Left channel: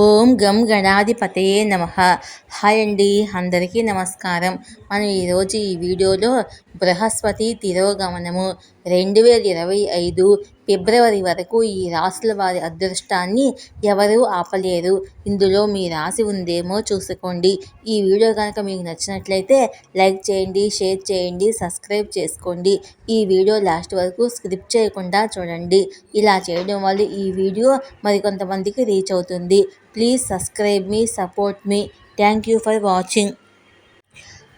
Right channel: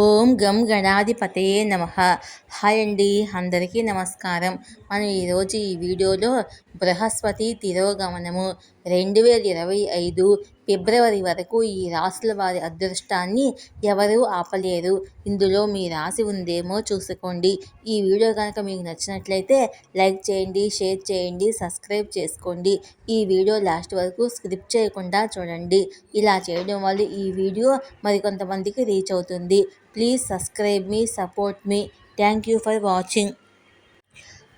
ఓం గం గణాధిపతయే నమ. హాయ్ అండి అందరికీ నమస్కారం. మనం ఈరోజు ఈ వీడియోలో బృహస్పతి తిరోగమనము. రెండు వేల ఇరవై ఐదు ఫిబ్రవరి వరకు ఈ రాసుల వారి అదృష్టాన్ని ఎవరూ ఆపలేరు. ఇందులో మీ రాసి ఉందేమో చూసుకోండి. ఈ వీడియో కనుక మీకు నచ్చినట్లయితే లైక్ చేయండి షేర్ చేయండి సబ్స్క్రైబ్ చేసుకోండి. ఈ వీడియో లాస్ట్ వరకు స్క్రిప్ట్ చేయకుండా చూడండి. ఇలా చేయడం వల్ల ఈ వీడియో మరికొంతమందికి రీచ్ అవుతుంది. ప్లీజ్ సబ్స్క్రైబ్ మీ support me. Thank you for watching.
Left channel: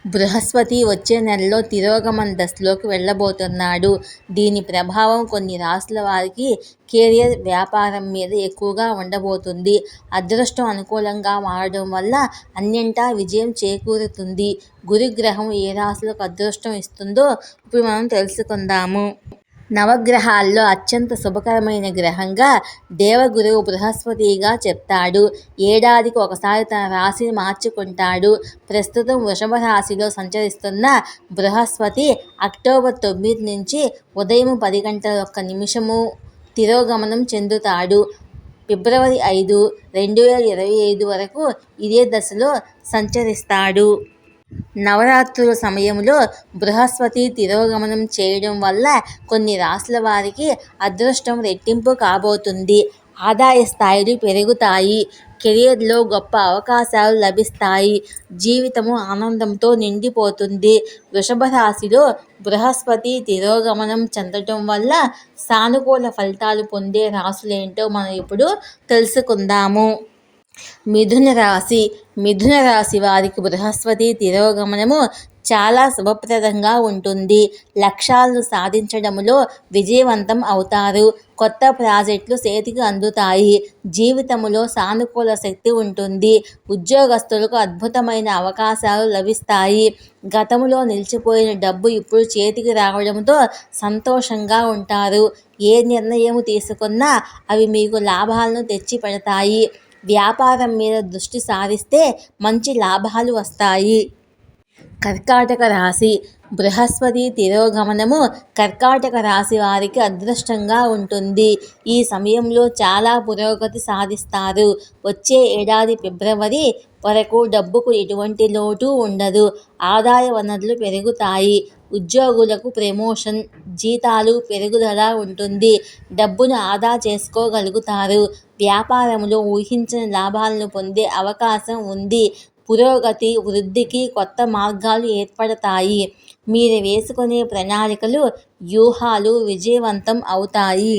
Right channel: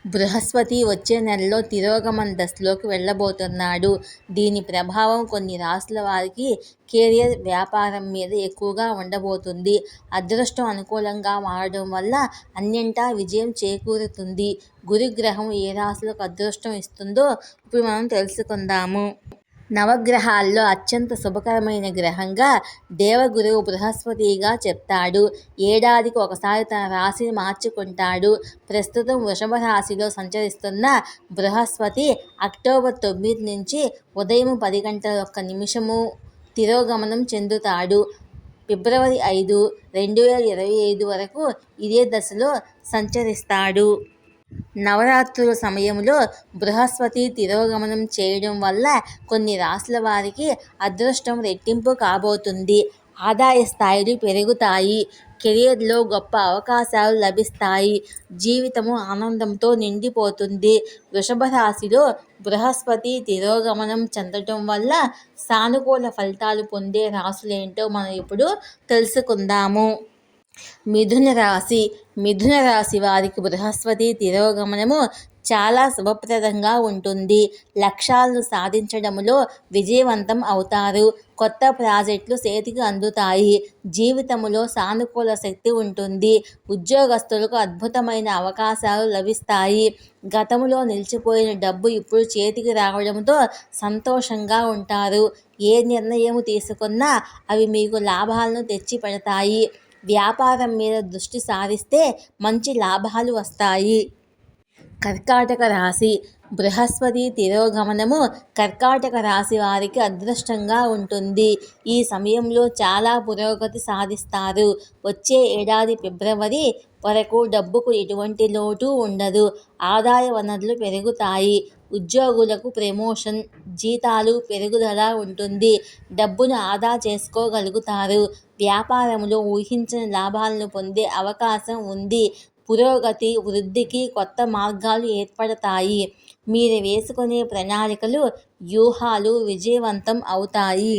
Brihaspati వచ్చే నెలలో తిరోగమన దశలోకి వెళ్ళబోతున్నాడు. దీని ప్రభావం కొన్ని రాసుల వారికి కెరియర్ వ్యాపారం మీద ఎక్కువగా ఉండబోతుంది. అదృష్టం అనుకూలంగా మారడం వల్ల అన్నింటా విజయం చేకూరుతుంది. గురుగ్రహం ఏ రాశులకు అదృష్టం ఇస్తుందో ఇప్పుడు మనం తెలుసుకుందాము. నవగ్రహాల్లో అత్యంత శుభకరమైన గ్రహంగా దేవగురువు బృహస్పతిగా చెప్తాడు. ఏడాదికి ఒకసారి తన రాశిని మార్చుకుంటాడు. ప్రస్తుతం వృషభ రాశిలో సంచరిస్తున్న బృహస్పతి అక్టోబర్ తొమ్మిది నుంచి ఉదయం పది గంటల ఒక్క నిమిషము తిరోగమనం చెందుతాడు. ఫిబ్రవరి ఐదు రెండు వేల ఇరవై ఐదు వరకు ఇదే దశలో సంచరిస్తాడు. నవరాత్రుల సమయంలో బృహస్పతి తిరోగమనం చేయడం వల్ల కొన్ని రాశుల వారికి అదృష్టం రెట్టింపు కాబోతుంది. ఆదాయ స్థాయిలు పెరుగుతాయి. కెరియర్లో గొప్ప అవకాశాలు లభిస్తాయి. జీవితము ఆనందంతో నిండిపోతుంది. వృషభ రాశిలో బృహస్పతి తిరోగమనం చెందటం వల్ల సానుకూల ఫలితాలు పొందే రాశులేంటో మనం ఇప్పుడు తెలుసుకుందాము. మిథున రాశి మిథున రాశి వారికి బృహస్పతి తిరోగమనము చాలా శుభప్రదంగా ఉంటుంది. లక్ష్యాలను సాధించడంలో విజయవంతం అవుతారు. కొత్త ప్రాజెక్టులు చేతికి అందుతాయి. జీవితంలో సానుకూల శక్తి ఉంటుంది. ఉద్యోగస్తులకు అద్భుతమైన అవకాశాలు లభిస్తాయి. గతంలో నిలిచిపోయిన డబ్బు ఇప్పుడు చేతికి రావడంతో సంతోషంగా ఉంటారు. ఏ నిర్ణయం తీసుకున్నా అవి మీకు లాభాలను తెచ్చి పెడతాయి వ్యాపారం మీద దృష్టి సారిస్తే మంచి లాభాలు వస్తాయి. కర్కాటక రాశి. బృహస్పతి తిరోగమనము కర్కాటక రాశి వారికి అదృష్టంగా ఉంటుంది. ఈ సమయంలో చాలా పురోగతి సాధిస్తారు. వచ్చే ఏడాది ఫిబ్రవరి వరకు డబ్బుకు ఎటువంటి లోటు ఉండదు. ఆదాయ వనరులు పెరుగుతాయి. ఉద్యోగులకు ప్రమోషన్ జీతాలు పెరుగుదల ఉంటుంది. డబ్బును ఆదా చేసుకోగలుగుతారు. వ్యాపారంలో ఊహించిన లాభాలను పొందే అవకాశం ఉంది. పురోగతి వృద్ధికి కొత్త మార్గాలు ఏర్పడతాయి. మీరు వేసుకునే ప్రణాళికలు వ్యూహాలు విజయవంతం అవుతాయి.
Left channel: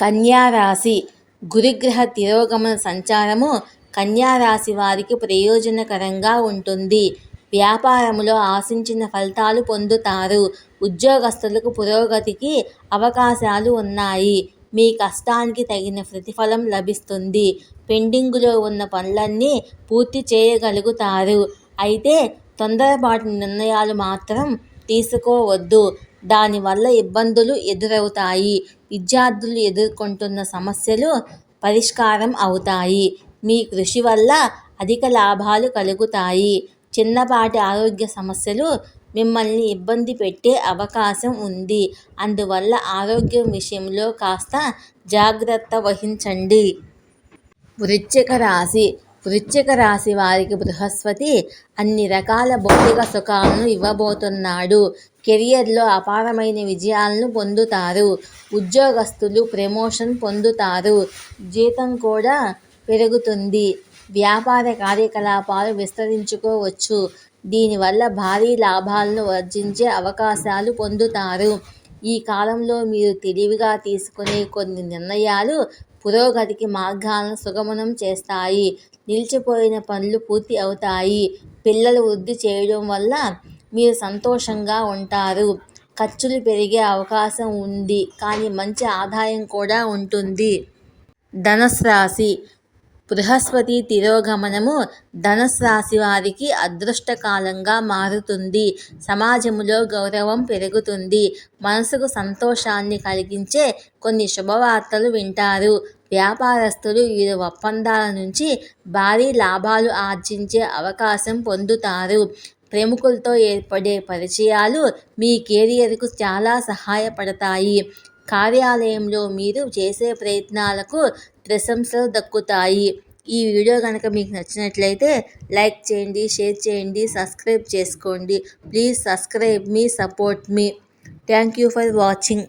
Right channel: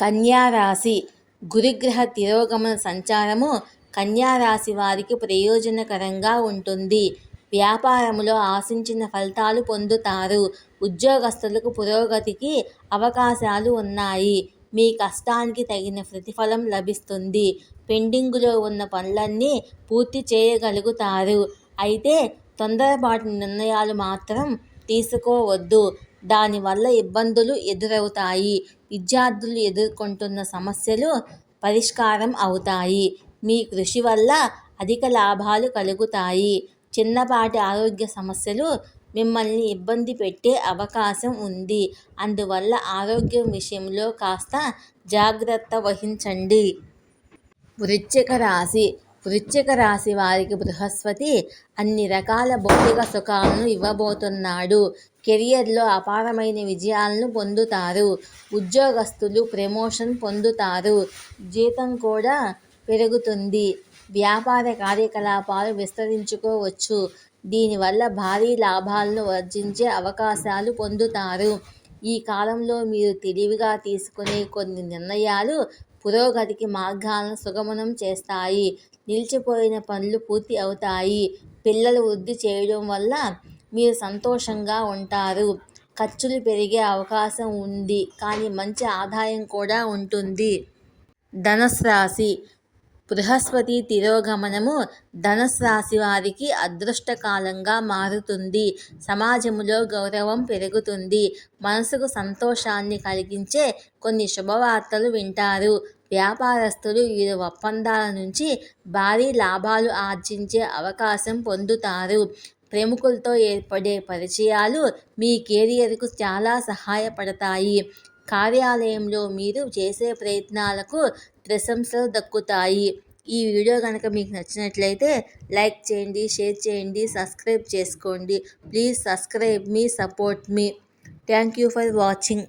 కన్యారాశి గురుగ్రహ తిరోగమన సంచారము కన్యారాశి వారికి ప్రయోజనకరంగా ఉంటుంది. వ్యాపారంలో ఆశించిన ఫలితాలు పొందుతారు. ఉద్యోగస్తులకు పురోగతికి అవకాశాలు ఉన్నాయి. మీ కష్టానికి తగిన ప్రతిఫలం లభిస్తుంది. పెండింగులో ఉన్న పనులన్నీ పూర్తి చేయగలుగుతారు. అయితే తొందరపాటు నిర్ణయాలు మాత్రం తీసుకోవద్దు. దానివల్ల ఇబ్బందులు ఎదురవుతాయి. విద్యార్థులు ఎదుర్కొంటున్న సమస్యలు పరిష్కారం అవుతాయి. మీ కృషి వల్ల అధిక లాభాలు కలుగుతాయి. చిన్నపాటి ఆరోగ్య సమస్యలు మిమ్మల్ని ఇబ్బంది పెట్టే అవకాశం ఉంది. అందువల్ల ఆరోగ్యం విషయంలో కాస్త జాగ్రత్త వహించండి. వృశ్చిక రాశి. వృశ్చిక రాశి వారికి బృహస్పతి అన్ని రకాల భౌతిక సుఖాలను ఇవ్వబోతున్నాడు. కెరియర్లో అపారమైన విజయాలను పొందుతారు. ఉద్యోగస్తులు ప్రమోషన్ పొందుతారు. జీతం కూడా పెరుగుతుంది. వ్యాపార కార్యకలాపాలు విస్తరించుకోవచ్చు. దీనివల్ల భారీ లాభాలను వర్జించే అవకాశాలు పొందుతారు. ఈ కాలంలో మీరు తెలివిగా తీసుకునే కొన్ని నిర్ణయాలు పురోగతికి మార్గాలను సుగమనం చేస్తాయి. నిలిచిపోయిన పనులు పూర్తి అవుతాయి. పిల్లలు వృద్ధి చేయడం వల్ల మీరు సంతోషంగా ఉంటారు. ఖర్చులు పెరిగే అవకాశం ఉంది. కానీ మంచి ఆదాయం కూడా ఉంటుంది. ధనుసు రాశి బృహస్పతి తిరోగమనము ధనుసు రాశి వారికి అదృష్టకాలంగా మారుతుంది. సమాజంలో గౌరవం పెరుగుతుంది. మనసుకు సంతోషాన్ని కలిగించే కొన్ని శుభవార్తలు వింటారు. వ్యాపారస్తులు వీరు ఒప్పందాల నుంచి భారీ లాభాలు ఆర్జించే అవకాశం పొందుతారు. ప్రముఖులతో ఏర్పడే పరిచయాలు మీ కెరియర్కు చాలా సహాయపడతాయి. కార్యాలయంలో మీరు చేసే ప్రయత్నాలకు ప్రశంసలు దక్కుతాయి. ఈ వీడియో కనుక మీకు నచ్చినట్లయితే లైక్ చేయండి షేర్ చేయండి సబ్స్క్రైబ్ చేసుకోండి. ప్లీజ్ సబ్స్క్రైబ్ మీ support me. Thank you for watching.